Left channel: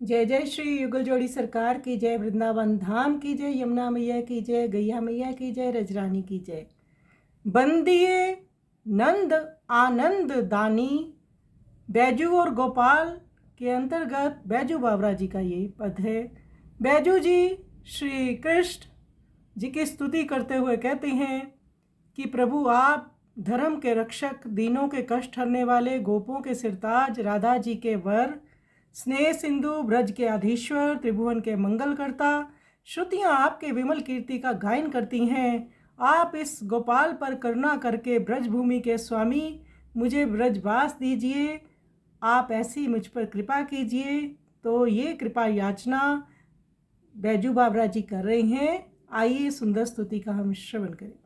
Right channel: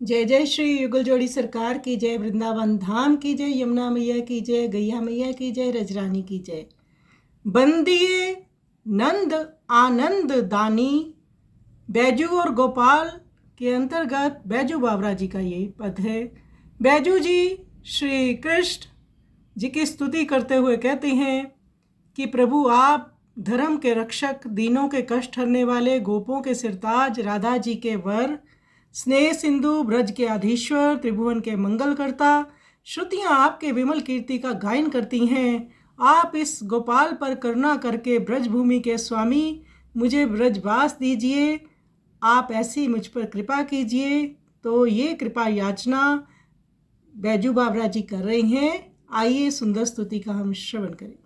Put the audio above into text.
जय जय श्री युगल जोड़ी सरकार की जय, वृंदावन धाम की जय, यमुना मैया की जय, गैया मैया की जय, रजरानी की जय। बंदिए नंद आनंद दानी, बैजू और गोपाल के अंतर्गत बैजू बावरा जी का यही पद है। बैजू जी श्री कृष्ण जी की स्तुति करते हुए कहते हैं कि प्रभु आप धर्म के रक्षक, दीनों के कष्ट हरने वाले, गोपों के सिरताज, राधा जी के वर, स्नेह सिंधु, ब्रज के अधीश्वर, त्रिभुवन के मंगलकर्ता। श्रुतियाँ आपके विमल कीर्ति का गायन करती हैं। आप इस गोपाल पर करुणा करके ब्रज भूमि के स्वामी मुझे ब्रजवास दीजिए, आप ऐसी मुझ पर कृपा कीजिए। तो ये कृपा याचना बैजू बावरा जी कर रहे हैं। आइए सुंदर स्तुति का हम श्रवण करें।